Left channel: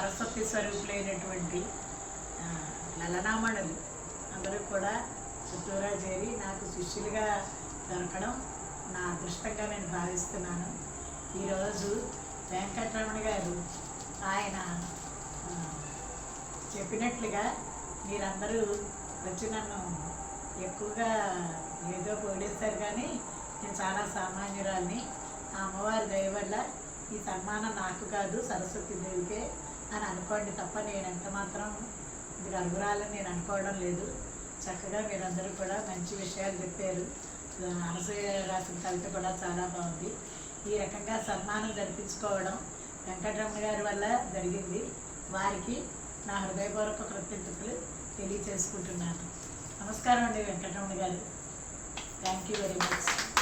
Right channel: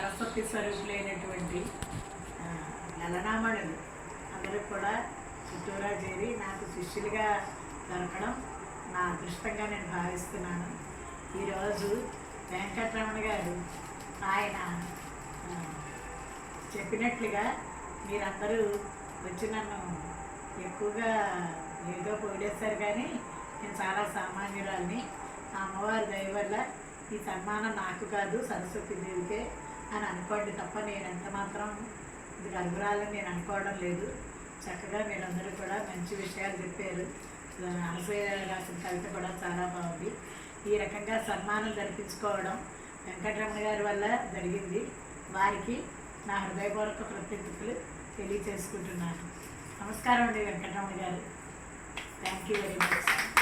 సరస్వతి స్వరూపులైనటువంటి లలనామణులు. అందరూ కూడా చుట్టూరా చేరి నాకు శిష్యులుగా దొరకడం నా అదృష్టంగా నేను భావిస్తున్నాను. ఈరోజు వెంకటరమణ గారు ఆయన చెప్పినట్లుగా మీరందరూ వచ్చి నన్ను ఎక్కువగా ఏదో పోడేస్తారు కానీ నేను చాలా సామాన్యురాల్ని. ఆ అమ్మవారి దయ వల్ల ఈ సన్మానం నాకు కాదు సరస్వతి దేవికే అని అనుకోండి తప్ప నేను ఎంత మాత్రం ఇది అర్హురాలని నేను అనుకోవడం లేదు. చక్కగా మీరందరూ కూడా మంచి విషయాలు చెప్పారు. అనసూయ రాసిన కవిత కూడా చాలా బాగుంది. ఈ రకంగా సన్మానం జరిపించుకోవడం వెంకటరమణ గారి వల్ల జరిగింది. వారికి నా హృదయపూర్వక కృతజ్ఞతలు తెలియచేసుకుంటున్నాను. నమస్కారం అండి వెంకటరమణ గారు. Thank you very much